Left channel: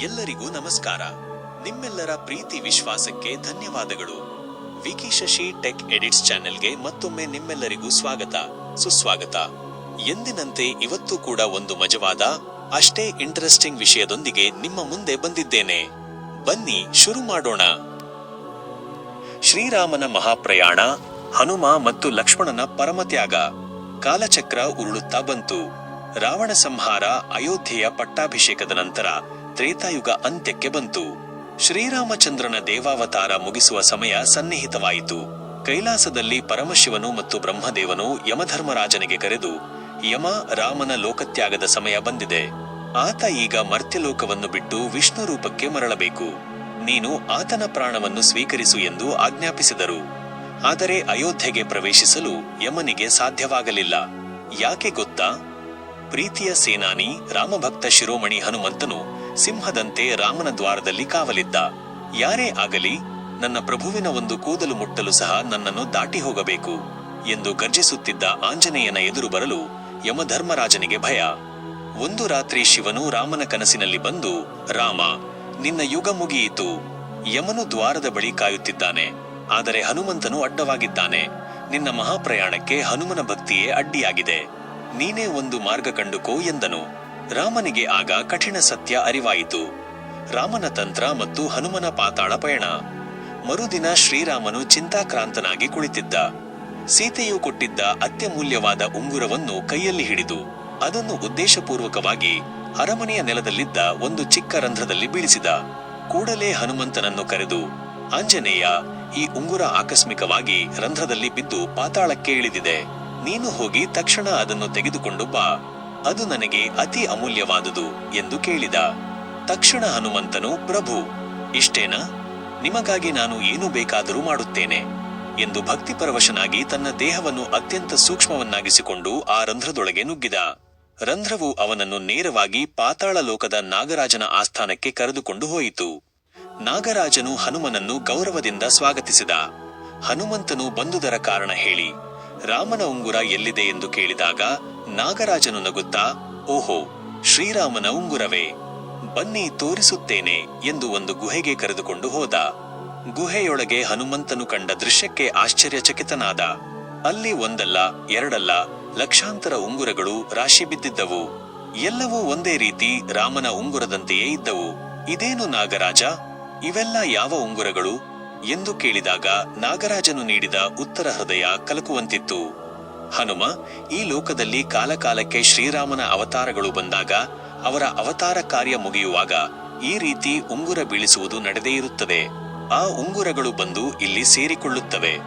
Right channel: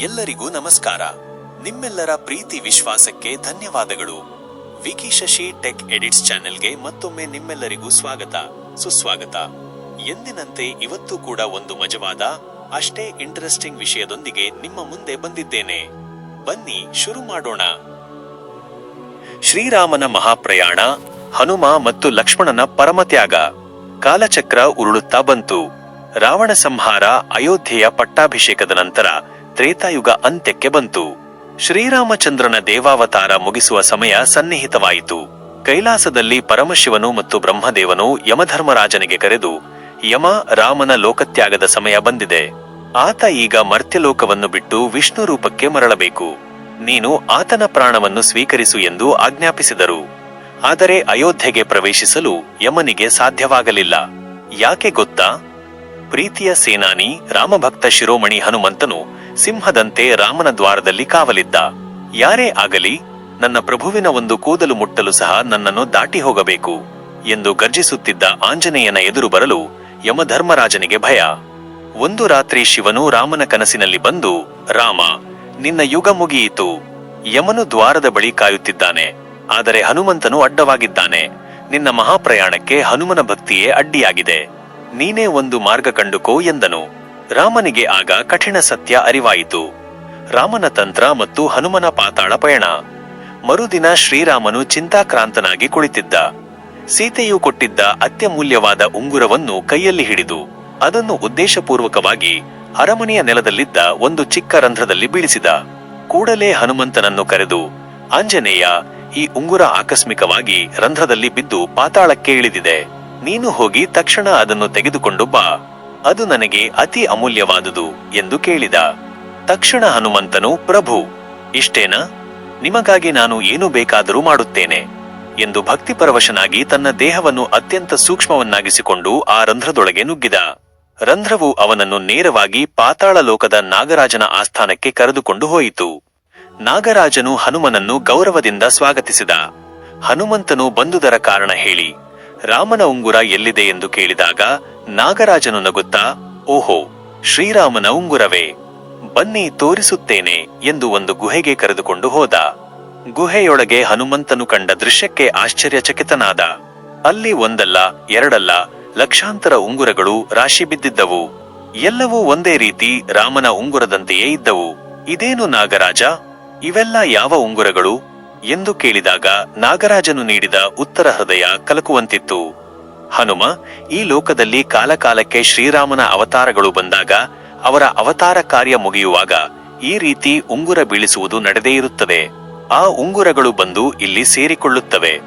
ಎಲ್ಲರಿಗೂ ನಮಸ್ಕಾರ. ನಿಮ್ಮೆಲ್ಲರ ಪ್ರೀತಿ ವಿಶ್ವಾಸಕ್ಕೆ ಧನ್ಯವಾದಗಳು. ವಿಕಿ ಶಶಿ ಟೆಕ್ ಎಡಿಟ್ಸ್ ಚಾನೆಲ್ಗೆ ಮತ್ತೊಮ್ಮೆ ನಿಮ್ಮೆಲ್ಲರಿಗೂ ಸ್ವಾಗತ. ಸುಸ್ವಾಗತ. ಎಂದಿನಂತೆ ಇವತ್ತು ಕೂಡ ಒಂದು ಮಜವಾದ, ಅಷ್ಟೇ ಇಂಟರೆಸ್ಟಿಂಗ್ ವಿಷಯದೊಂದಿಗೆ ನಿಮ್ಮ ಮುಂದೆ ಬಂದಿದ್ದೇನೆ. ಬನ್ನಿ ಶುರು ಮಾಡೋಣ. ಶ್ರೀರಾಮನ ಮಹಾಪ್ರಯಾಣ, ಹನುಮ ಮತ್ತು ಲಕ್ಷ್ಮಣನ ಪರಮತ್ಯಾಗ. ಕಾಲಚಕ್ರ ಉರುಳುತ್ತಾ ಬಂತು. ರಾವಣ ಸಂಹಾರ ಅಯೋಧ್ಯೆಯ ಪಟ್ಟಾಭಿಷೇಕದ ನಂತರ ತ್ರೇತಾಯುಗ ಅಂತ್ಯಕ್ಕೆ ಬಂತು. ಶ್ರೀರಾಮಚಂದ್ರನ ದೇವಾವತಾರ ಮುಗಿಸುವ ಸಮಯ ಸನ್ನಿಹಿತವಾಯಿತು. ಕೈಲಾಸದಲ್ಲಿ ಪರಮಶಿವನು ಮತ್ತು ಬ್ರಹ್ಮದೇವನು ಯಮಧರ್ಮರಾಜನಿಗೆ ಕರೆದು, ಯಮ, ರಾಮನ ಲೋಕತ್ಯಾಗದ ಸಮಯ ಬಂದಿದೆ. ಆತ ಈಗ ಮರ್ತ್ಯಲೋಕವನ್ನು ಬಿಟ್ಟು ವಿಷ್ಣು ರೂಪಕ್ಕೆ ಮರಳಬೇಕು. ನೀನು ಆತನ ಪ್ರಾಣವನ್ನು ಸ್ವೀಕರಿಸು ಎಂದು ಆಜ್ಞಾಪಿಸಿದರು. ಆದರೆ ಅಯೋಧ್ಯೆಗೆ ಪ್ರವೇಶಿಸಲು ಯಮನಿಗೆ ಸಾಧ್ಯವಾಗಲಿಲ್ಲ. ಯಾಕೆ ಗೊತ್ತಾ? ಪ್ರೀತಿಯ ಸೇನಾನಿ, ರಾಮಭಕ್ತ ಶಿರೋಮಣಿ ಹನುಮಂತನು ಸಿಂಹದಂತೆ ರಾಮನ ದ್ವಾರದಲ್ಲಿ ಕಾವಲಿದ್ದ. ಯಾರೇ ಆಗಲಿ, ನನ್ನ ಪ್ರಭುವಿನ ಒಂದು ಕೂದಲು ಮುಟ್ಟಲು ಸಹ ನನ್ನನ್ನು ದಾಟಿ ಹೋಗಬೇಕು ಎಂದು ಗರ್ಜಿಸುತ್ತಿದ್ದ ಆಂಜನೇಯನ ಎದುರು ಬರಲು ಯಮಧರ್ಮರಾಜನಿಗೆ ಭಯ. ಒಂದು ರಾತ್ರಿ ಶಿವನು ರಾಮನ ಕನಸಿನಲ್ಲಿ ಬಂದು, ರಾಮ, ನಿನ್ನ ಯುಗ ಮುಗಿಯಿತು. ಯಮನು ದ್ವಾರದ ಬಳಿ ಕಾಯುತ್ತಿದ್ದಾನೆ. ಆದರೆ ಹನುಮಂತನು ಅಡ್ಡವಾಗಿದ್ದಾನೆ. ನಿನ್ನ ಮಹಾಪ್ರಯಾಣಕ್ಕೆ ಹನುಮನ ಭಕ್ತಿಯೇ ಅಡ್ಡಿಯಾಗಿದೆ. ನೀನೇ ಒಂದು ಮಾರ್ಗ ಕಂಡುಕೋ ಎಂದನು. ರಾಮನಿಗೆ ಆಗ ಕಠಿಣ ಸತ್ಯ ಅರಿವಾಯಿತು. ರಾಮನ ತಂತ್ರ ಮತ್ತು ಹನುಮನ ಪಾತಾಳ ಪಯಣ. ಮರುದಿನ ಶ್ರೀರಾಮನು ಚಿಂತಾಕ್ರಾಂತನಾಗಿ ಕುಳಿತಿದ್ದ. ಸೀತೆಯು ಕೊಟ್ಟಿದ್ದ ಅತ್ಯಮೂಲ್ಯವಾದ ಉಂಗುರವನ್ನು ಕೈಯಲ್ಲಿ ಹಿಡಿದು, ಅದನ್ನು ಉದ್ದೇಶಪೂರ್ವಕವಾಗಿ ಅರಮನೆಯ ನೆಲದಲ್ಲಿದ್ದ ಒಂದು ಚಿಕ್ಕ ರಂಧ್ರದಲ್ಲಿ ಬೀಳಿಸಿದ. ಕೂಡಲೇ ಹನುಮಂತನನ್ನು ಕರೆದು, ಆಂಜನೇಯ, ಈ ಉಂಗುರ ಆಕಸ್ಮಿಕವಾಗಿ ರಂಧ್ರದಲ್ಲಿ ಬಿದ್ದು ಪಾತಾಳಕ್ಕೆ ಇಳಿದಿದೆ. ನೀನು ಹೋಗಿ ತಕ್ಷಣ ಅದನ್ನು ತೆಗೆದುಕೊಂಡು ಬಾ. ಅದು ನನಗೆ ಅತಿ ಅಮೂಲ್ಯವಾದುದು ಎಂದು ಕೇಳಿದ. ತಕ್ಷಣ ಹನುಮಂತನು, ಪ್ರಭು, ಇಷ್ಟೇನಾ? ನಿಮಗಾಗಿ ನಾನು ಏನು ಬೇಕಾದರೂ ಮಾಡುತ್ತೇನೆ ಎಂದು ಭಕ್ತಿಪರವಶನಾಗಿ ತನ್ನ ದೇಹವನ್ನು ಅತ್ಯಂತ ಸೂಕ್ಷ್ಮವನ್ನಾಗಿಸಿಕೊಂಡು ಆ ರಂಧ್ರದೊಳಗೆ ನುಗ್ಗಿದ. ರಂಧ್ರವು ಅವನನ್ನು ನೇರವಾಗಿ ಪಾತಾಳ ಲೋಕದ ನಾಗರಾಜನ ಆಸ್ಥಾನಕ್ಕೆ ಕರೆದುಕೊಂಡು ಹೋಯಿತು. ನಾಗರಾಜನು ಹನುಮನನ್ನು ಗೌರವದಿಂದ ಸ್ವಾಗತಿಸಿದ. ಹನುಮಂತನು ಬಂದುದರ ಕಾರಣ ಹೇಳಿ ರಾಮನ ಉಂಗುರ ಎಲ್ಲಿದೆ ಎಂದು ಕೇಳಿದಾಗ ನಾಗರಾಜನು ನಗುತ್ತಾ, ಓಹೋ, ಶ್ರೀರಾಮನ ಉಂಗುರವೇ, ಬನ್ನಿ ತೋರಿಸುತ್ತೇನೆ ಎಂದು ಒಂದು ಗುಹೆಗೆ ಕರೆದುಕೊಂಡು ಹೋದ. ಗುಹೆಯೊಳಗೆ ಹನುಮಂತನು ಕಂಡ ದೃಶ್ಯಕ್ಕೆ ಆಶ್ಚರ್ಯಚಕಿತನಾದ. ಅಲ್ಲಿ ಒಂದಲ್ಲ, ಎರಡಲ್ಲ, ಲಕ್ಷಾಂತರ ಉಂಗುರಗಳು ರಾಶಿ ಬಿದ್ದಿದ್ದವು. ಎಲ್ಲವೂ ಒಂದೇ ರೀತಿ ರಾಮನ ಉಂಗುರದಂತೆಯೇ ಇದ್ದವು. ಇದೇನು ನಾಗರಾಜ? ಇವೆಲ್ಲ ಯಾವ ಉಂಗುರಗಳು? ಎಂದು ಕೇಳಿದಾಗ ನಾಗರಾಜನು ನೀಡಿದ ಉತ್ತರ ಹೃದಯ ಕಲಕುವಂತಿತ್ತು. ಹನುಮ, ಈ ಲೋಕದಲ್ಲಿ ಕಾಲಕಾಲಕ್ಕೆ ಶ್ರೀರಾಮನ ಅವತಾರಗಳು ಬಂದಾಗ ಅವರ ಅವತಾರ ಕಾರ್ಯ ಮುಗಿಯುವಾಗ ಈ ರೀತಿ ಉಂಗುರ ಬೀಳಿಸುವುದು ನಡೆದೇ ಇರುತ್ತದೆ. ಆ ಉಂಗುರಗಳು ಬಂದು ಇಲ್ಲಿ ಸೇರಿಕೊಳ್ಳುತ್ತವೆ.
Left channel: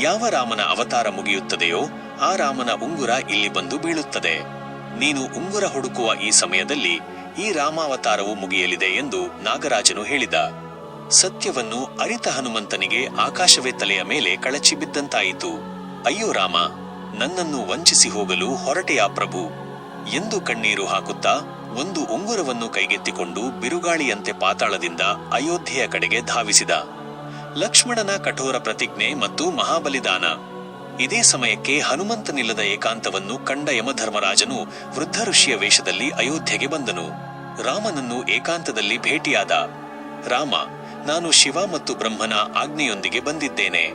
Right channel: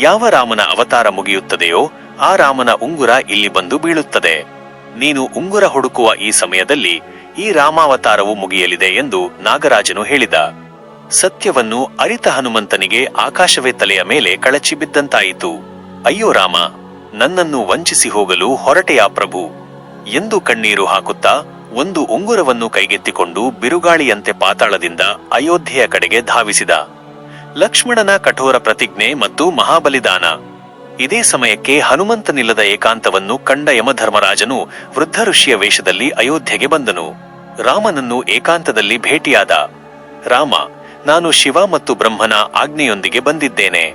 ಯಾವ ರಾಮನ ಅವತಾರ ಮುಗಿಯುತ್ತದೆಯೋ ಆ ರಾಮನ ಉಂಗುರ ಇಲ್ಲಿ ಬಂದು ಬೀಳುತ್ತದೆ. ನೀನು ಉಂಗುರ ಹುಡುಕುವ ಈ ಸಮಯದಲ್ಲಿ ಈ ರಾಮಾವತಾರವು ಮುಗಿಯಲಿದೆ ಎಂದು ನಾಗರಾಜನು ಹೇಳಿದ. ಸತ್ಯವನ್ನು ಅರಿತ ಹನುಮಂತನಿಗೆ ಆಕಾಶವೇ ತಲೆಯ ಮೇಲೆ ಕಳಚಿ ಬಿದ್ದಂತಾಯಿತು. ಅಯ್ಯೋ ರಾಮ, ನನ್ನನ್ನು ವಂಚಿಸಿ ಹೋಗಲು ಹೊರಟೆಯ ಪ್ರಭು? ಎಂದು ಕಣ್ಣೀರು ಹಾಕುತ್ತಾ ಒಂದು ಉಂಗುರವನ್ನು ಕೈಗೆತ್ತಿಕೊಂಡು ಬಿರುಗಾಳಿಯಂತೆ ಪಾತಾಳದಿಂದ ಅಯೋಧ್ಯೆಯ ಕಡೆಗೆ ಧಾವಿಸಿದ. ಲಕ್ಷ್ಮಣನ ಕಠೋರ ಪ್ರತಿಜ್ಞೆ ಮತ್ತು ಮಹಾಬಲಿದಾನ. ಇದೇ ಸಮಯಕ್ಕೆ ಹನುಮಂತನಿಲ್ಲದ ಏಕಾಂತವನ್ನು ಕಂಡ ಯಮಧರ್ಮರಾಜನು ವೃದ್ಧ ಋಷಿಯ ವೇಷದಲ್ಲಿ ಅಯೋಧ್ಯೆಗೆ ಬಂದನು. ರಾಮನನ್ನು ಏಕಾಂತದಲ್ಲಿ ಭೇಟಿಯಾದ. ರಾಮ ನಾನು ಶಿವ ಮತ್ತು ಬ್ರಹ್ಮನ ಆಜ್ಞೆಯೊಂದಿಗೆ ಬಂದಿದ್ದೇನೆ.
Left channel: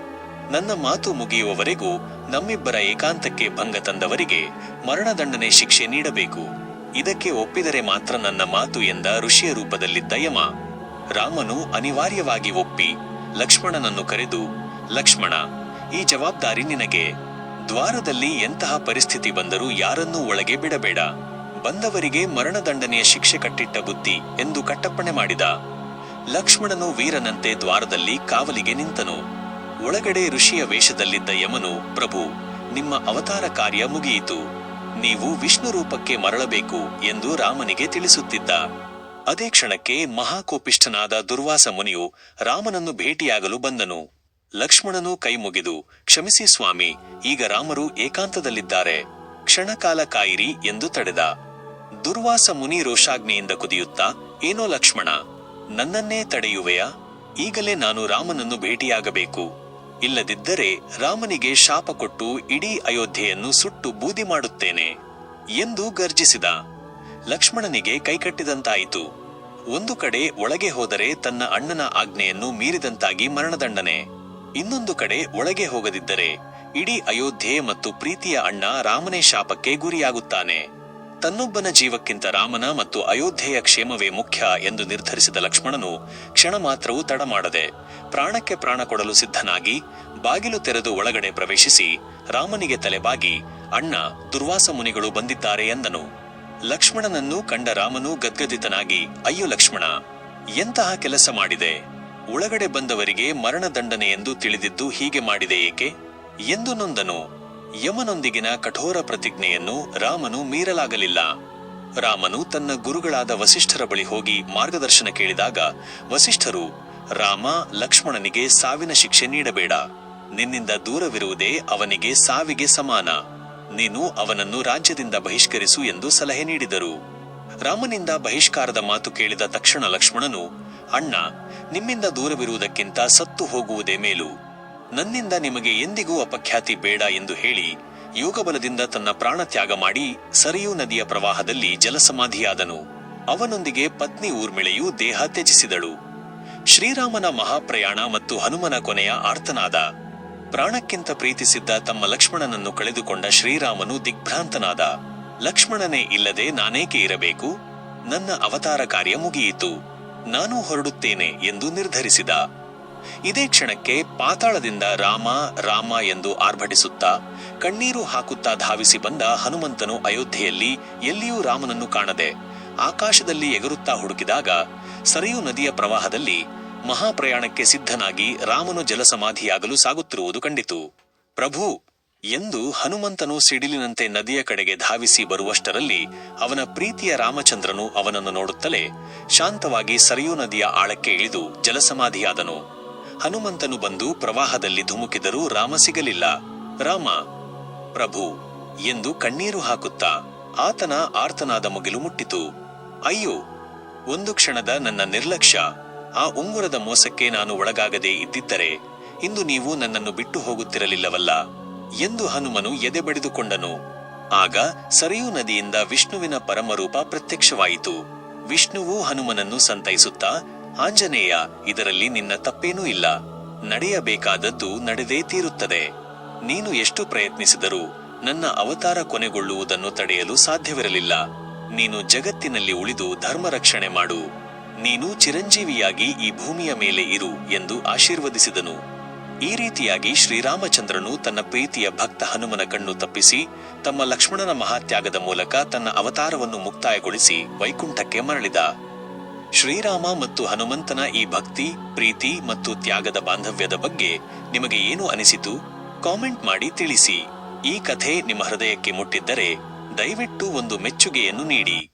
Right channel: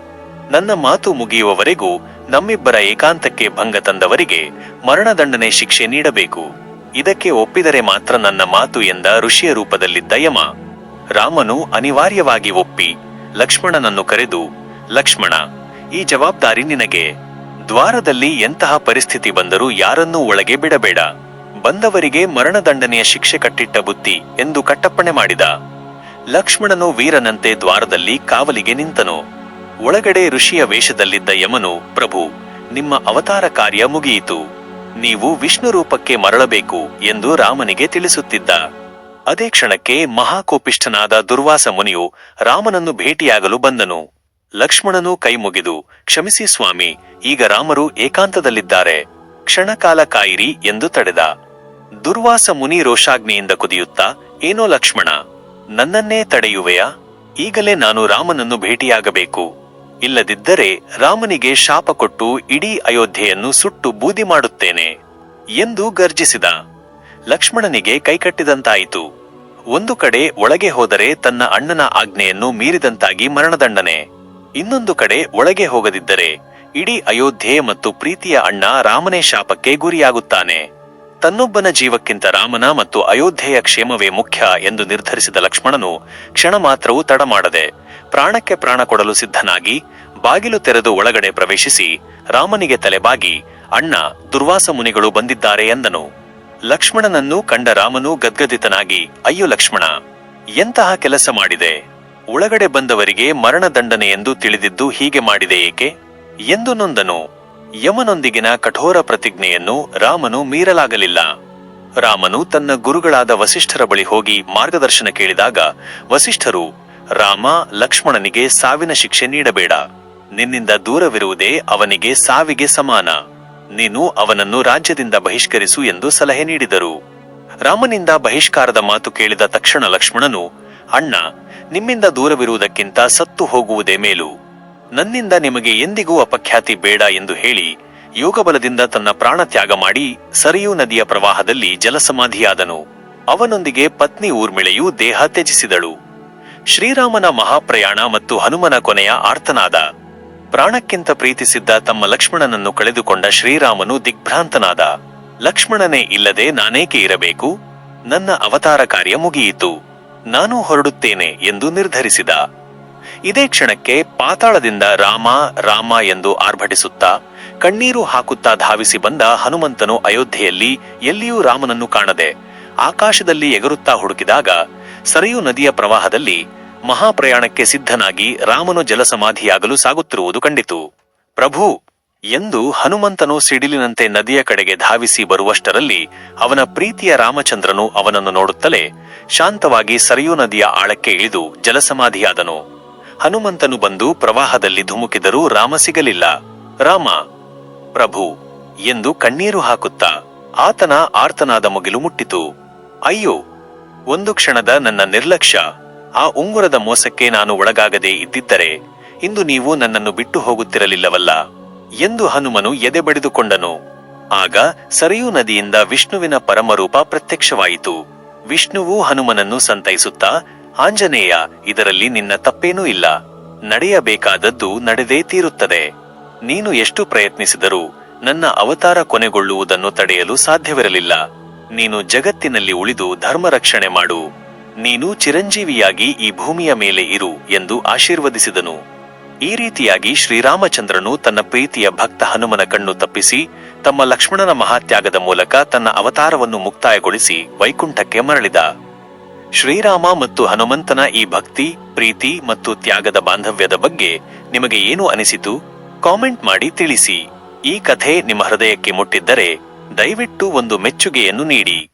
ನನ್ನ ಮಾತು ಮುಗಿಯುವವರೆಗೂ ನಮ್ಮಿಬ್ಬರ ಏಕಾಂತಕ್ಕೆ ಭಂಗ ತಂದವರಿಗೆ ಮರಣದಂಡನೆ ಶಿಕ್ಷೆ ನೀಡಬೇಕು. ಇದಕ್ಕೆ ಒಪ್ಪಿದರೆ ಮಾತ್ರ ನನ್ನ ಮಾತು ಎಂದ ಋಷಿಯ ರೂಪದಲ್ಲಿದ್ದ ಯಮ. ರಾಮನು ಅನಿವಾರ್ಯವಾಗಿ ಒಪ್ಪಿ ಲಕ್ಷ್ಮಣನನ್ನು ಕರೆದು, ಲಕ್ಷ್ಮಣ, ಈ ಜವಾಬ್ದಾರಿ ನಿನಗೆ. ದ್ವಾರದಲ್ಲಿ ಎಂತಹ ಪರಿಸ್ಥಿತಿ ಬಂದರೂ ಯಾರನ್ನೂ ಒಳಗೆ ಬಿಡಬೇಡ. ಬಂದವರಿಗೆ ಮರಣದಂಡನೆಯ ಶಿಕ್ಷೆ ಕಟ್ಟಿಟ್ಟ ಬುದ್ಧಿ ಎಂದು ಕಟ್ಟಪ್ಪಣೆ ಮಾಡಿದ. ಲಕ್ಷ್ಮಣನು ವೀರನಂತೆ ದ್ವಾರದಲ್ಲಿ ಕಾವಲಿಗೆ ನಿಂತನು. ಒಳಗಡೆ ಋಷಿಯ ವೇಷದಲ್ಲಿದ್ದ ಯಮನು, ಪ್ರಭು, ನಿಮ್ಮ ಅವತಾರ ಕಾರ್ಯ ಮುಗಿಯಿತು. ನೀವು ವಿಷ್ಣು ರೂಪಕ್ಕೆ ಮರಳಬೇಕು ಎಂದು ರಾಮನಿಗೆ ತಿಳಿಸುತ್ತಿದ್ದ. ಅದೇ ಕ್ಷಣಕ್ಕೆ ಮಹಾಕೋಪಿಷ್ಠನಾದ ದುರ್ವಾಸ ಮುನಿಯು ರಾಮನನ್ನು ಭೇಟಿಯಾಗಲು ಬಂದನು. ಲಕ್ಷ್ಮಣನು ಕೈಮುಗಿದು ಕ್ಷಮಿಸಿ ಸ್ವಾಮಿ, ಈಗ ರಾಮರು ಏಕಾಂತದಲ್ಲಿದ್ದಾರೆ. ಕ್ಷಣಕಾಲ ಕಾಯಿರಿ ಎಂದು ತಡೆದ. ದುರ್ವಾಸ ಮುನಿ ರೋಷಾಗ್ನಿಯಿಂದ ಕುದಿಯುತ್ತಾ, ಏನೋ ಲಕ್ಷ್ಮಣ ನನ್ನನ್ನೇ ತಡೆಯುವೆಯಾ? ಈಗಲೇ ನಾನು ರಾಮನನ್ನು ಭೇಟಿಯಾಗಬೇಕು. ಇಲ್ಲದಿದ್ದರೆ ರಾಮನಿಗೆ ಶಾಪ ಕೊಟ್ಟು ಇಡೀ ಅಯೋಧ್ಯೆಯನ್ನು ಸುಟ್ಟು ಬೂದಿ ಮಾಡುತ್ತೇನೆ ಎಂದು ಗರ್ಜಿಸಿದ. ಲಕ್ಷ್ಮಣನಿಗೆ ಕೈಕಟ್ಟಿದಂತಾಯಿತು. ಒಂದು ಕಡೆ ಒಳಗೆ ಹೋದರೆ ತನ್ನ ಅಣ್ಣನ ಆಜ್ಞೆಯನ್ನು ಮೀರಿದಂತಾಗಿ ಮರಣದಂಡನೆ. ಇನ್ನೊಂದು ಕಡೆ ಒಳಗೆ ಹೋಗದಿದ್ದರೆ ಇಡೀ ಅಯೋಧ್ಯೆ ಮತ್ತು ಪ್ರೀತಿಯ ಅಣ್ಣ ರಾಮನೇ ಶಾಪಕ್ಕೆ ಗುರಿಯಾಗುತ್ತಾನೆ. ತನ್ನೊಬ್ಬನ ಜೀವಕ್ಕಿಂತ ರಾಮನ ಮತ್ತು ಅಯೋಧ್ಯೆಯ ಕ್ಷೇಮವೇ ಮುಖ್ಯ ಎಂದು ನಿರ್ಧರಿಸಿದ ಲಕ್ಷ್ಮಣನು ಕ್ಷಣ ಮಾತ್ರವೂ ತಡ ಮಾಡದೆ ಪ್ರಾಣಕ್ಕೆ ಪ್ರಾಣ ಕೊಡಲು ಸಿದ್ಧನಾಗಿ ಬಾಗಿಲು ತೆರೆದು ಒಳಗಡೆ ಪ್ರವೇಶಿಸಿ ರಾಮನಿಗೆ ತಲೆಬಾಗಿ, ಅಣ್ಣ, ದುರ್ವಾಸ ಮುನಿಗಳು ಬಂದಿದ್ದಾರೆ ಎಂದನು ಲಕ್ಷ್ಮಣನನ್ನು ಕಂಡ ರಾಮನು ಗದ್ಗದಿತನಾಗಿ, ಅಯ್ಯೋ ಲಕ್ಷ್ಮಣ, ಎಂತಹ ಕೆಲಸ ಮಾಡಿದೆ? ಒಳಗಡೆ ಬಂದವರಿಗೆ ಮರಣದಂಡನೆ ಎಂದು ತಿಳಿದಿದ್ದು ಹೀಗೆ ಮಾಡಿದೆ ಏಕೆ? ಎಂದು ನೊಂದನು. ಯಮನೊಂದಿಗಿನ ಕಠೋರ ಪ್ರತಿಜ್ಞೆಯನ್ನು ರಾಮನು ಮೀರಲಾಗಲಿಲ್ಲ. ರಾಮನು ತನ್ನ ಗುರುಗಳಾದ ವಸಿಷ್ಠರ ಬಳಿ ಹೋಗಿ ಮಾರ್ಗದರ್ಶನ ಕೇಳಿದಾಗ, ವಸಿಷ್ಠರು, ರಾಮ, ಲಕ್ಷ್ಮಣನಿಗೆ ಸಾವಿನ ಶಿಕ್ಷೆ ನೀಡಬೇಡ. ನಿನ್ನಿಂದ ದೂರವಿರುವುದೇ ಅವನಿಗೆ ಸಾವಿಗೆ ಸಮಾನ. ನೀನು ಅವನನ್ನು ರಾಜ್ಯದಿಂದ ಬಹಿಷ್ಕರಿಸು ಎಂದು ಸಲಹೆ ನೀಡಿದರು. ರಾಮನಿಂದ ಬಹಿಷ್ಕಾರದ ಮಾತು ಕೇಳಿದ ತಕ್ಷಣ ಲಕ್ಷ್ಮಣನು, ಅಣ್ಣ, ನಿಮ್ಮಿಂದ ದೂರವಿರುವುದಕ್ಕಿಂತ ಸತ್ತು ಹೋಗುವುದೇ ಮೇಲು. ನನ್ನಿಂದ ನಿಮಗೆ ಎಂದಿಗೂ ಅಪಖ್ಯಾತಿ ಬೇಡ ಎಂದು ಹೇಳಿ ಯೋಗಬಲದಿಂದ ತನ್ನ ಪ್ರಾಣ ತ್ಯಾಗ ಮಾಡಿ ಸರಿಯೂ ನದಿಯ ಪ್ರವಾಹದಲ್ಲಿ ಜಲಸಮಾಧಿಯಾದನು. ಅವನೊಂದಿಗೆ ಪತ್ನಿ ಊರ್ಮಿಳೆಯು ದೇಹ ತ್ಯಜಿಸಿದಳು. ಶ್ರೀರಾಮನ ಮಹಾಪ್ರಯಾಣ ಮತ್ತು ಹನುಮನ ಕೊನೆಯ ಆರ್ತನಾದ. ಪ್ರಾಣಕ್ಕಿಂತ ಪ್ರೀತಿಸಿದ್ದ ತಮ್ಮ ಲಕ್ಷ್ಮಣನನ್ನು ಕಳೆದುಕೊಂಡ ಶ್ರೀರಾಮನು ದಿಗ್ಭ್ರಾಂತನಾದ. ಲಕ್ಷ್ಮಣನೇ ಇಲ್ಲದೆ ನಾನೇಕೆ ಇರಬೇಕು? ನನ್ನ ಅವತಾರ ಕಾರ್ಯ ಮುಗಿಯಿತು. ನಾನು ಹೊರಡುತ್ತೇನೆ ಎಂದು ನಿರ್ಧರಿಸಿದ. ಇದೇ ಕ್ಷಣಕ್ಕೆ ಪಾತಾಳದಿಂದ ರಾಮ ರಾಮ ಎಂದು ಆರ್ಭಟಿಸುತ್ತಾ, ಕಣ್ಣೀರು ಹಾಕುತ್ತಾ ಧಾವಿಸಿ ಬಂದ ಹನುಮಂತನು ಅಯೋಧ್ಯೆಯಲ್ಲಿ ಎಲ್ಲಿಯೂ ರಾಮನನ್ನು ಕಾಣದೆ, ಆಕಾಶದಲ್ಲಿ ಎಗರುತ್ತಾ ಹುಡುಕಿದಾಗ, ಸರಿಯು ನದಿಯ ಪ್ರವಾಹದಲ್ಲಿ ಮಹಾಪ್ರಯಾಣಕ್ಕೆ ಸಿದ್ಧನಾಗಿ ರಾಮನು ಜಲಸಮಾಧಿಯಾಗಲು ಸಾಗುತ್ತಿರುವುದು ಕಂಡಿತು. ಪ್ರಭು, ಎಂದು ಹನುಮಂತನು ಸಿಡಿಲಿನಂತೆ ನದಿಯ ಕಡೆಗೆ ಧಾವಿಸಿ ಬರುವಷ್ಟರಲ್ಲಿ ಅವನ ಪ್ರೀತಿಯ ರಾಮಚಂದ್ರನು ಅವನನ್ನು ನೋಡುತ್ತಲೇ ಶಾಂತವಾಗಿ ಸರಿಯೂ ನದಿಯ ಆಳಕ್ಕೆ ಇಳಿದು ಜಲಸಮಾಧಿಯಾದನು. ಹನುಮಂತನು ಬಂದು ಪ್ರವಾಹದಲ್ಲಿ ಧುಮುಕಿದರೂ ರಾಮ ಸಿಗಲಿಲ್ಲ. ರಾಮ, ಪ್ರಭು, ಎಂದು ಕಣ್ಣೀರು ಹಾಕುತ್ತಾ ಆತನ ಆರ್ತನಾದ ಮುಗಿಲು ಮುಟ್ಟಿತು. ಅಯ್ಯೋ, ಒಂದು ಕ್ಷಣದ ನನ್ನ ನಿರ್ಲಕ್ಷ್ಯ. ಆ ಉಂಗುರದ ಮೋಸಕ್ಕೆ ನಾನು ಒಳಗಾಗದೇ ಇದ್ದಿದ್ದರೆ ಇಂದು ನೀವು ನನ್ನನ್ನು ಬಿಟ್ಟು ಹೋಗುತ್ತಿರಲಿಲ್ಲವಲ್ಲ, ಎಂದು ಹನುಮನು ಎದೆ ಬಡಿದುಕೊಂಡನು. ಆಗ ಸರಿಯೂ ನದಿಯಿಂದ ವಿಷ್ಣುವಿನ ಪರಮರೂಪ ಪ್ರತ್ಯಕ್ಷವಾಯಿತು. ವಿಷ್ಣುವು ಹನುಮನನ್ನು ಸಂತೈಸುತ್ತಾ ಆಂಜನೇಯ, ಇದರಲ್ಲಿ ನಿನ್ನ ತಪ್ಪೇನೂ ಇಲ್ಲ. ನಡೆಯಬೇಕಾದದ್ದು ನಡೆದೇ ತೀರುತ್ತದೆ. ನೀನು ಎಷ್ಟು ಪ್ರಯತ್ನಿಸಿದರೂ ನನ್ನ ಅವತಾರ ಕೊನೆಗೊಳ್ಳುವುದನ್ನು ತಡೆಯಲು ಸಾಧ್ಯವಿರಲಿಲ್ಲ. ನೀನು ಜಗತ್ತಿನಲ್ಲಿ ಉಳಿದು ಧರ್ಮ ರಕ್ಷಣೆ ಮಾಡು. ನೀನು ಚಿರಂಜೀವಿಯಾಗಿ ಈ ಭೂಮಿಯ ಮೇಲೆ ಇರು ಎಂದು ಆಶೀರ್ವದಿಸಿದನು. ಈ ರೀತಿಯಾಗಿ ಶ್ರೀರಾಮಚಂದ್ರನು ತನ್ನ ಪ್ರೀತಿಯ ಭಕ್ತ ಹನುಮನ ಕಣ್ಣು ತಪ್ಪಿಸಿ, ತಮ್ಮ ಲಕ್ಷ್ಮಣನ ಮಹಾತ್ಯಾಗದ ಮೂಲಕ ತನ್ನ ಅವತಾರವನ್ನು ಮುಕ್ತಾಯಗೊಳಿಸಿ ವೈಕುಂಠಕ್ಕೆ ಮರಳಿದ. ಶ್ರೀರಾಮ ಮತ್ತು ಹನುಮಂತನ ಈ ಭಕ್ತಿ, ಪ್ರೀತಿ ಮತ್ತು ತ್ಯಾಗದ ಬಾಂಧವ್ಯದ ಬಗ್ಗೆ ನಿಮಗೆ ಏನು ಅನಿಸಿತು? ಕಾಮೆಂಟ್ ಮಾಡಿ ತಿಳಿಸಿ. ಈ ಕಥೆ ನಿಮ್ಮ ಹೃದಯಕ್ಕೆ ಮುಟ್ಟಿದ್ದರೆ ದಯವಿಟ್ಟು ಒಂದು ಮೆಚ್ಚುಗೆಯನ್ನು ನೀಡಿ.